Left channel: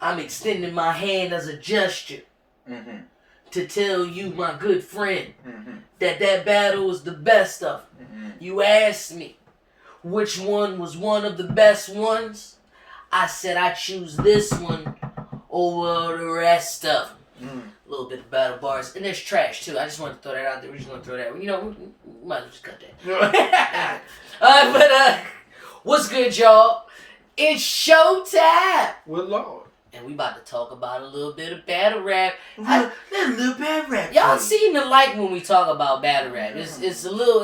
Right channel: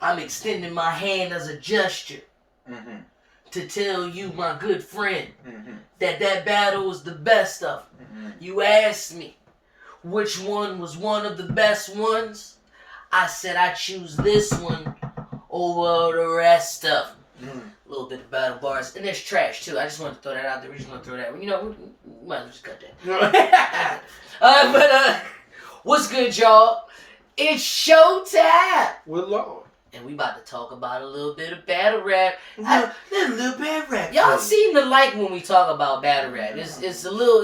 I'm extending my hand as a gesture to tell you, my good friend, that battle was the best of them. You asked me which one was one of the best ones. I said I choose this one over the rest of them. A little bit of battle bars. And there's trash, too. I just wanted to throw that out there. We're just going to throw that. You know, we might as well just cut that. But what's good, y'all? It's showtime. With Lord. And we about to talk about a little bit of battle rap. A little battle rap. Y'all seem to like when we talk about battle rap. It's a little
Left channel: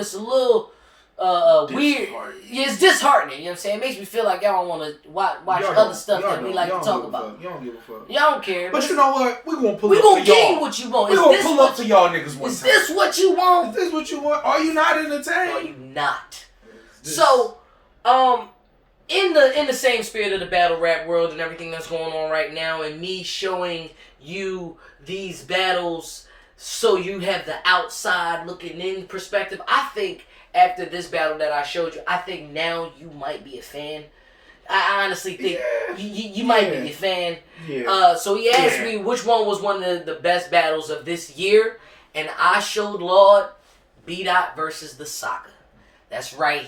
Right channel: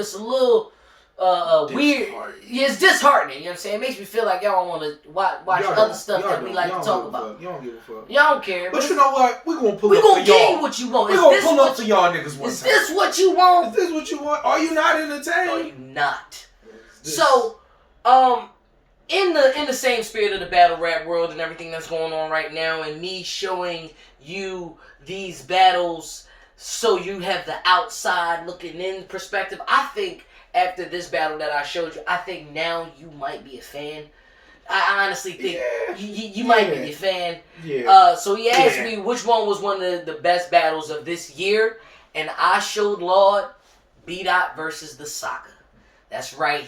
weird. Yeah, it's disheartening. You know what I'm saying? It makes me feel like y'all don't want to watch other stuff that we like to talk about. You don't give a fuck. Y'all don't care. But you know what? We're going to pull up for y'all. We're going to give you what you want. We're going to pull up for y'all niggas one time. Is this what you want? Is this what you want? Are you not entertained? Are you not? So, in the same spirit of the battle rap world and everything that's going on right now, and me showing you these battles so you have the outside looking in perspective, I think after this battle that I showed you, I think now you might be a fan. I honestly think you might be a fan. Yeah. So he asked me which one was one of the best battles of this year, and I showed Lord B-Dot versus the Saga. That's right.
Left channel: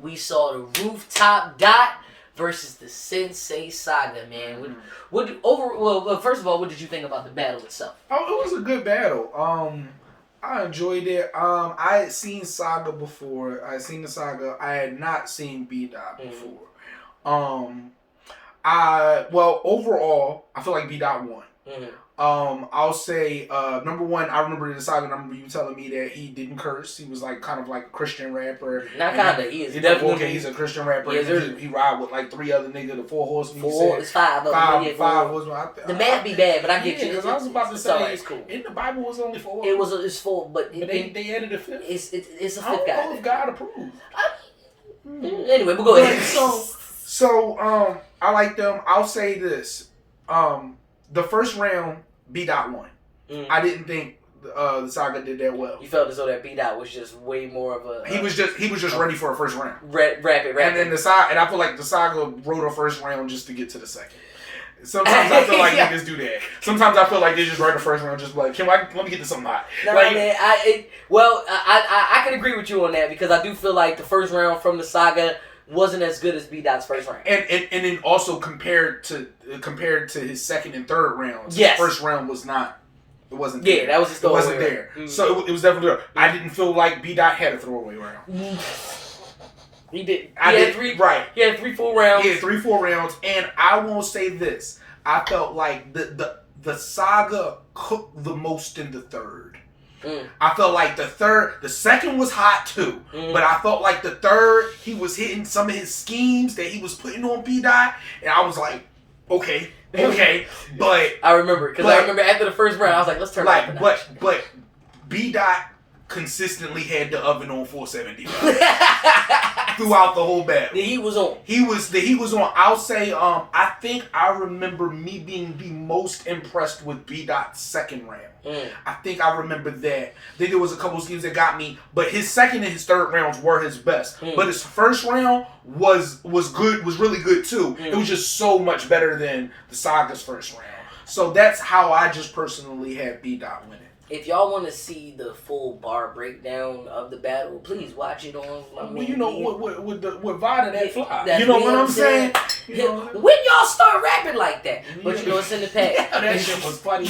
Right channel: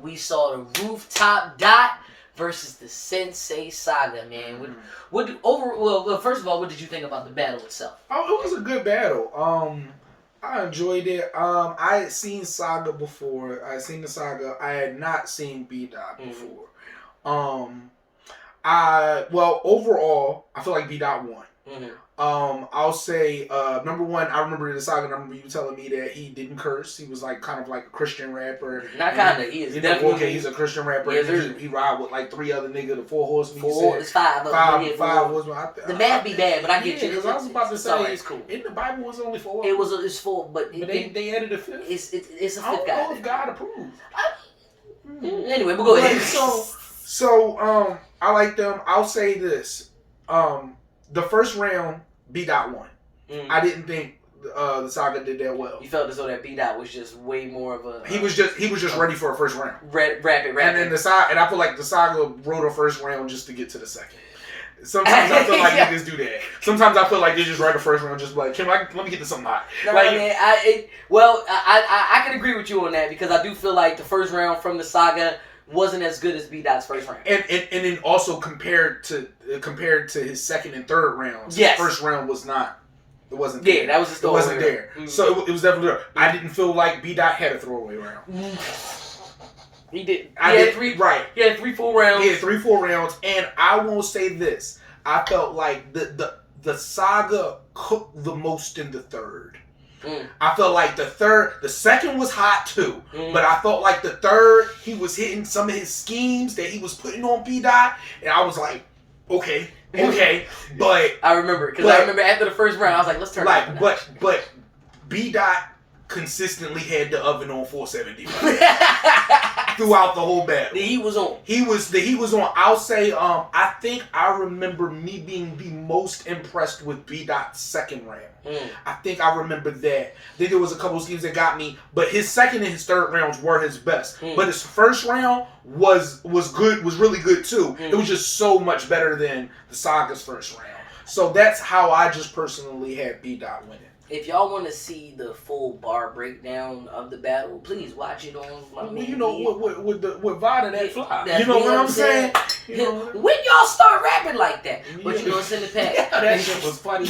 We saw the Rooftop Dot versus the Sensei Saga, man. Well, first of all, what did you think about the battle itself? Oh, it was a good battle. I enjoyed it. I had seen Saga before. I had seen the Saga. I had not seen B-Dot before. Overall, I feel like B-Dot won. I'll say, number one, I remember the Saga. I remember you telling me that he didn't curse. He was like kind of like a Christian rapper. Not kind of. He is definitely. Okay, he's a Christian rapper. Yes, he ride with like three other niggas, the Four Horsemen. It's five. Five horsemen. The math be bad, but I get you. Because I was about to say, it's cool. In the Bible, it was only four. It's four, but they added a fifth. It's a fifth guy. I don't know if God approved. Anyway, we'll go ahead. So I like them. I'll say this. The first round, B-Dot won. I didn't think the Saga did that well. You felt as though that B-Dot was just way more of a... He was just ready for a first round. Rapid. And then I feel like the Saga wrote a first round just to get to the second. Sometimes I feel like niggas do that. Sometimes I feel like they just write the first round just like, let me get to something hot. No, like, man, I can agree with you on that because I do feel like the first round from the Saga wasn't as good as B-Dot's first round. And then also compared to his second and third rounds, yes. His first round was not. It wasn't there. Yeah, that was just the It wasn't there. So it was definitely there. I didn't feel like B-Dot had a throwaway round. He did. He had three full rounds. And I won't say this. I felt like the Saga cooked the most in the third. I felt like the second was hot too, but I felt like the third, he was hitting some of his schemes that he was putting on B-Dot, and I was like, okay, but I remember after the first round, I was like, let's turn it up. But B-Dot consistently had the oven on 470 throughout the whole battle. He was on. He was on. I'll say, I think I remember me being the most impressed with B-Dot's second round. I think I remember that. I think there was a couple of schemes that got me, but his second and his third rounds were his best. But his first round was good, was really good too. It was just so much better than the Saga's first round. So that's how I just personally had B-Dot winning. If y'all want to see the full bar breakdown of the battle, please watch it on my with Vada that fly. That's you know what I'm saying? You know, when y'all start rapping like that, but you know it's in the past. That shit was funny.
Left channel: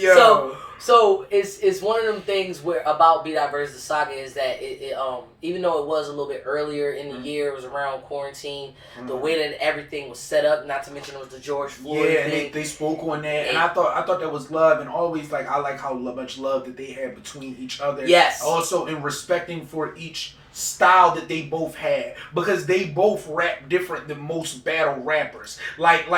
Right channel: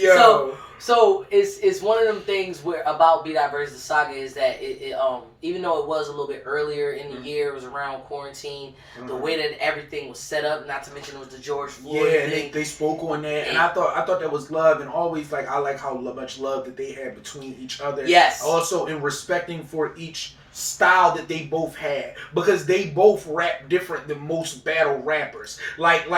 Yo. So it's one of them things where about B-Dot versus the Saga is that it even though it was a little bit earlier in the year, it was around quarantine, the way that everything was set up, not to mention it was the George Floyd thing. And they spoke on that, and I thought that was love, and always I like how much love that they had between each other. Yes. Also in respecting for each style that they both had, because they both rap different than most battle rappers. Like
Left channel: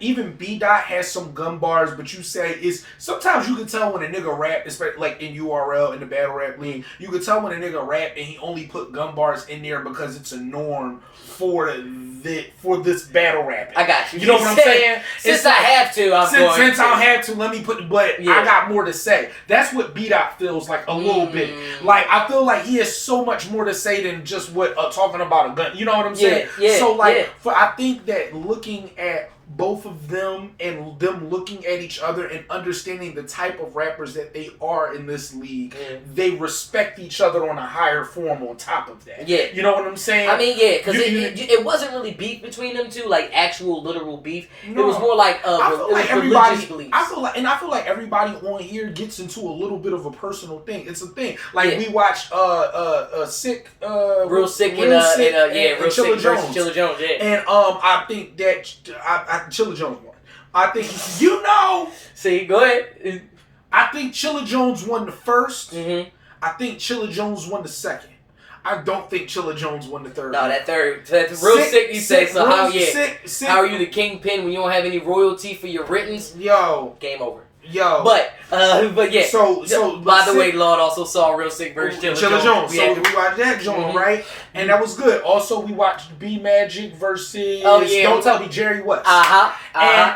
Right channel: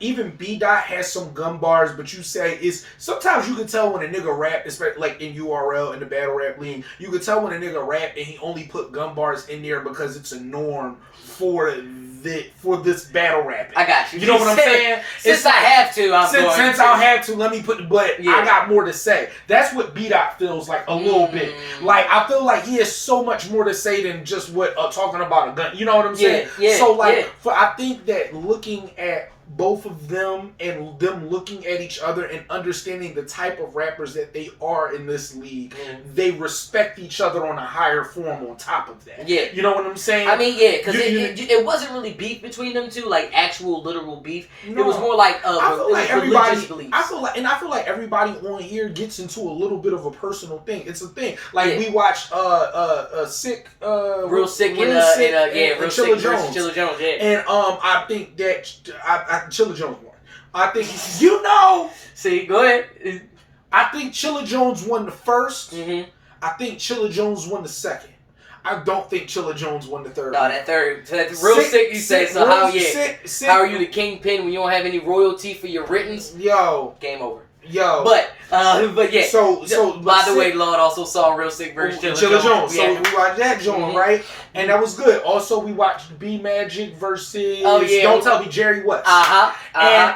even B-Dot has some gun bars, but you say is sometimes you can tell when a nigga rap, especially like in URL in the battle rap league, you can tell when a nigga rap and he only put gun bars in there because it's a norm for this battle rapping. I got you. You know what I'm saying? Since I have to, since I have to, let me put. But yeah. I got more to say. That's what B-Dot feels like a little bit. Like I feel like he has so much more to say than just what talking about a gun. You know what I'm saying? Yeah. So I think that looking at both of them and them looking at each other and understanding the type of rappers that they are in this league, they respect each other on a higher form on top of that. Yeah. You know what I'm saying? I mean, yeah, because it wasn't really beef between them two, like actual literal beef. No. It was more like religious beliefs. I feel like everybody on here gets into a little bit of a personal thing. It's a thing. Like we watched Real Sick and Chilla Jones. Chilla Jones, yeah. And I think that Chilla Jones won. I think you know. See, go ahead. I think Chilla Jones won the first. Mm-hmm. I think Chilla Jones won the second. I don't think Chilla Jones won the third. No, that third. That's real sick. You say so. How sick. How are you the kingpin when you don't have any royalty for your writtens? Yo, game over. Yo, but yeah. So by the way, Lord also saw Real Sick versus Chilla Jones. So we watched that joint, right? And that was good. Also, we watched B Magic versus Don't Tell Me Jerry West. And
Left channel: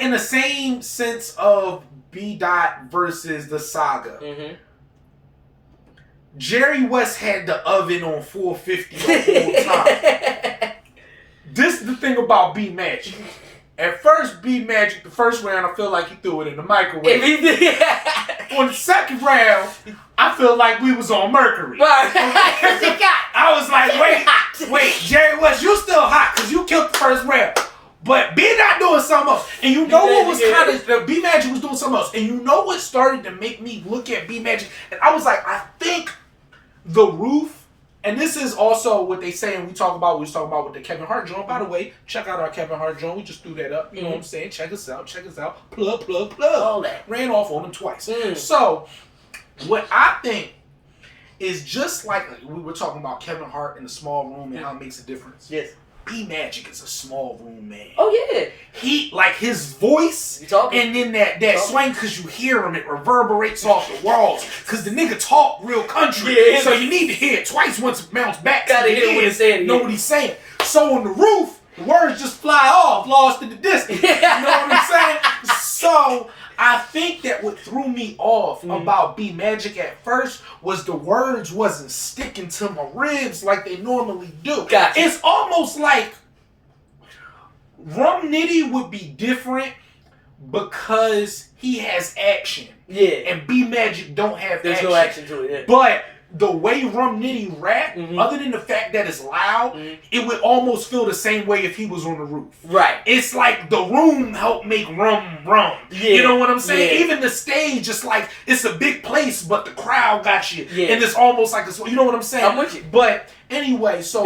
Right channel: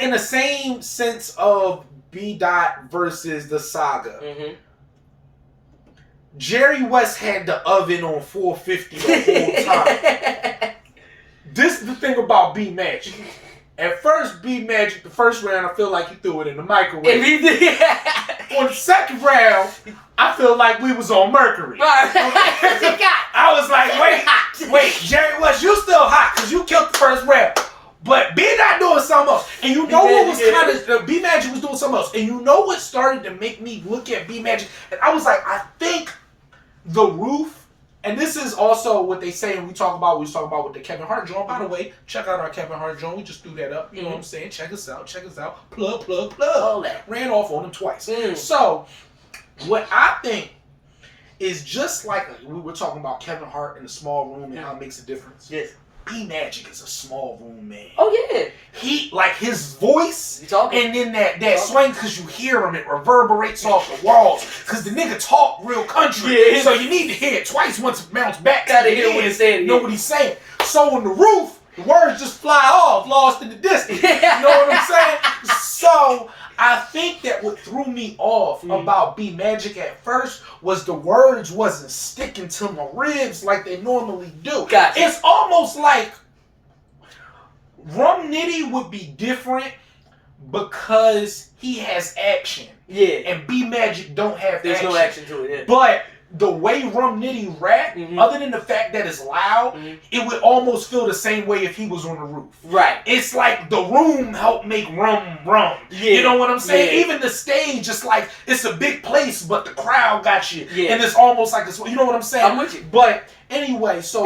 in the same sense of B Dot versus the Saga. Mm-hmm. Jerry West had the oven on 450 the whole time. This is the thing about B Magic. At first, B Magic, the first round, I feel like he threw it in the microwave. On the second round, I feel like we was on Mercury. I was like, wait, Jerry West, you still hot because you killed the first round. But B not doing something else. And you know what was kind of, B Magic was doing something else. And you know what started to make me look at B Magic? And I was like, I think the roof, and this is also what they say, and we was talking about with the Kevin Hart joint. By the way, check out our Kevin Hart joint. We just threw that up. You know what I'm saying? Check us out. Plug. All that. Ran off on them twice. So, what I think is just like we were talking about Kevin Hart in a small room and how it makes a difference. Yes. B Magic is a small room man. Oh yeah. He like his voice and then that swing because you hear him, it reverberates off the walls. Cause the nigga talk real country. So you need to hear it twice once it mounts back. Gotta hear what he's saying. Know what he's saying. So on the roof, the words just fly off, lost in the distance. You know what I'm saying? So I think that what threw me off about B Magic at first was the words wasn't sticking to my ribs like they normally do. Gotcha. It's almost like Rum Nitty would be different because he has action. Yeah. And B Magic don't have There's action. no action to it, yeah. But the way Rum Nitty rap, other than the fact that it's loud, it would almost feel the same way if he was on the roof. Right. It's like the room helped make Rum. Yeah. You know what I'm saying? Yeah. Even the stage, it's like, it's a big place, but the crowd got you. Yeah. And it's almost like, you know what I'm saying? I'm with you. But anyway, so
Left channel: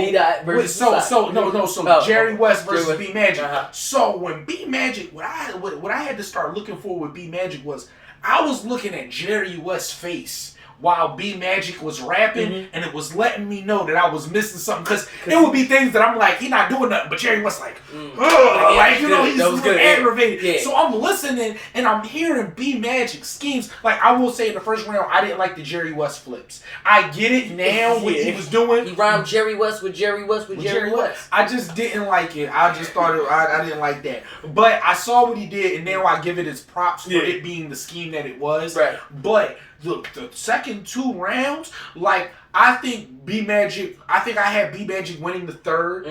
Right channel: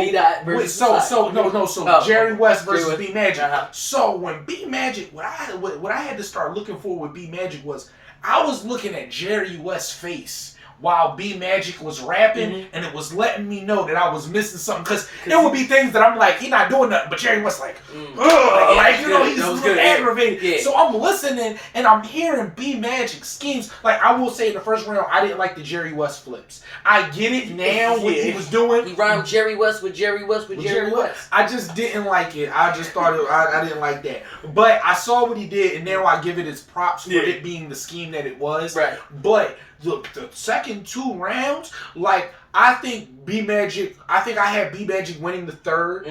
Jerry West versus B Magic. So when B Magic, what I had to start looking for with B Magic was, I was looking at Jerry West's face while B Magic was rapping, and it was letting me know that I was missing something. Because it would be things that I'm like, he not doing nothing, but Jerry West like, like, you know, he's aggravated. Yeah. So I'm listening, and I'm hearing B Magic schemes. Like, I will say in the first round, I didn't like the Jerry West flips. I get it now what he was doing. He rhymed Jerry West with Jerry West with Jerry West. I just didn't like it. I just thought I didn't like that. But I saw what he did, and now I give it its props for it being the scheme that it was. Right. But the second two rounds, like, I think B Magic, I had B Magic winning the third.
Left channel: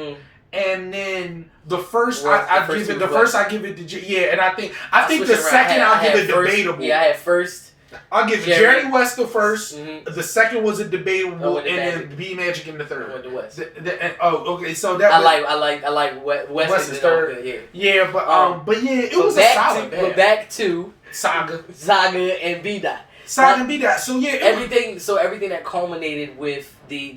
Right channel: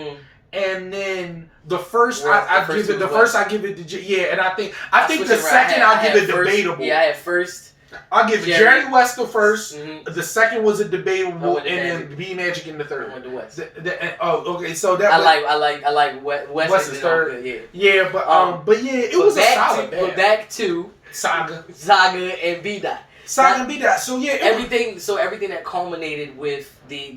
And then the first, I give it to and I think the second I'll give it debatable. Yeah, I had first. I'll give Jerry West the first. The second was a debatable, and then B Magic in the third. I went to West. Okay. So that I like West is third. Yeah, but yeah, it was a solid battle. But back to Saga and B Dot. Saga and B Dot. So yeah, everything that culminated with the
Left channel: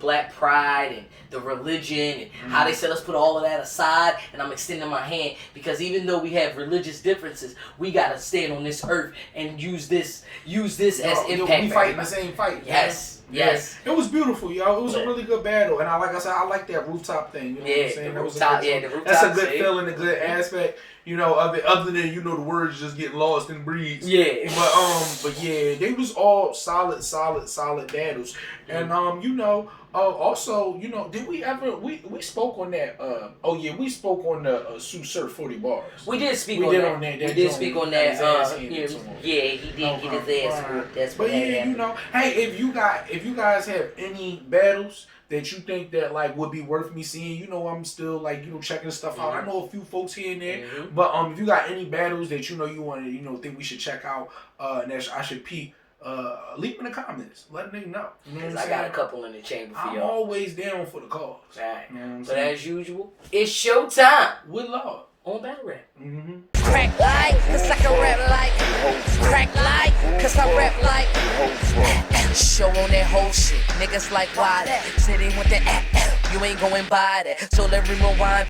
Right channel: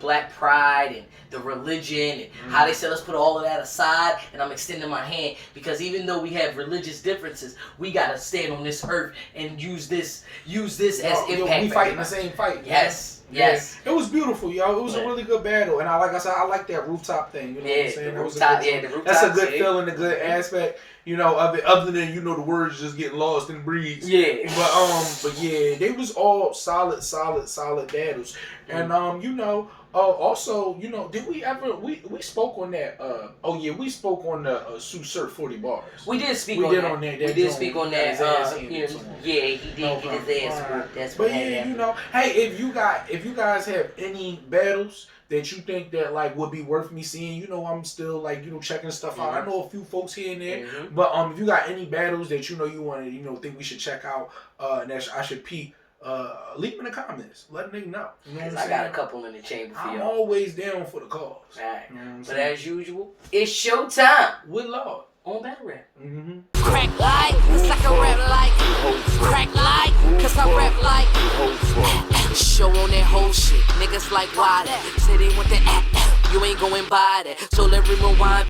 Black Pride and the religion and how they said let's put all of that aside, and I'm extending my hand because even though we have religious differences, we gotta stand on this earth and use this as impact. We fighting the same fight. Yes. Yes. It was beautiful, y'all. It was a really good battle. And like I said, I like that rooftop thing. You know what I'm saying? The rooftop, that's a good feeling, a good aspect, you know, of it, other than, you know, the words just getting lost in the breeze. Yeah. But yeah, they was all solid battles. And you know, also, you know, did we ever we spoke on that? We spoke on the Sue Surf 40 bars. We did speak we on did that. On that. We did speak on that. He did No, get his ass whooped. That's but what yeah, happened. you know, hey, if you guys have any battles that you think that like would be worth me seeing, you know, I'm still like, you know, checking stuff out. I know a few folks here and there, but if you got any battles that you know you want to, you know, think we should check out, and that I should peep, leave them in the comments. Let them know. You know what I'm saying? I got a couple in the chamber for y'all. I'm always down for the cause. Right. You know but as usual, it's showtime with Lord on Battle Rap. Crack like, cause I can rap like. Crack like, cause I rap like. Show on that whole shit. Niggas like why that? Say they want that. You ain't going by that. So let me rewind.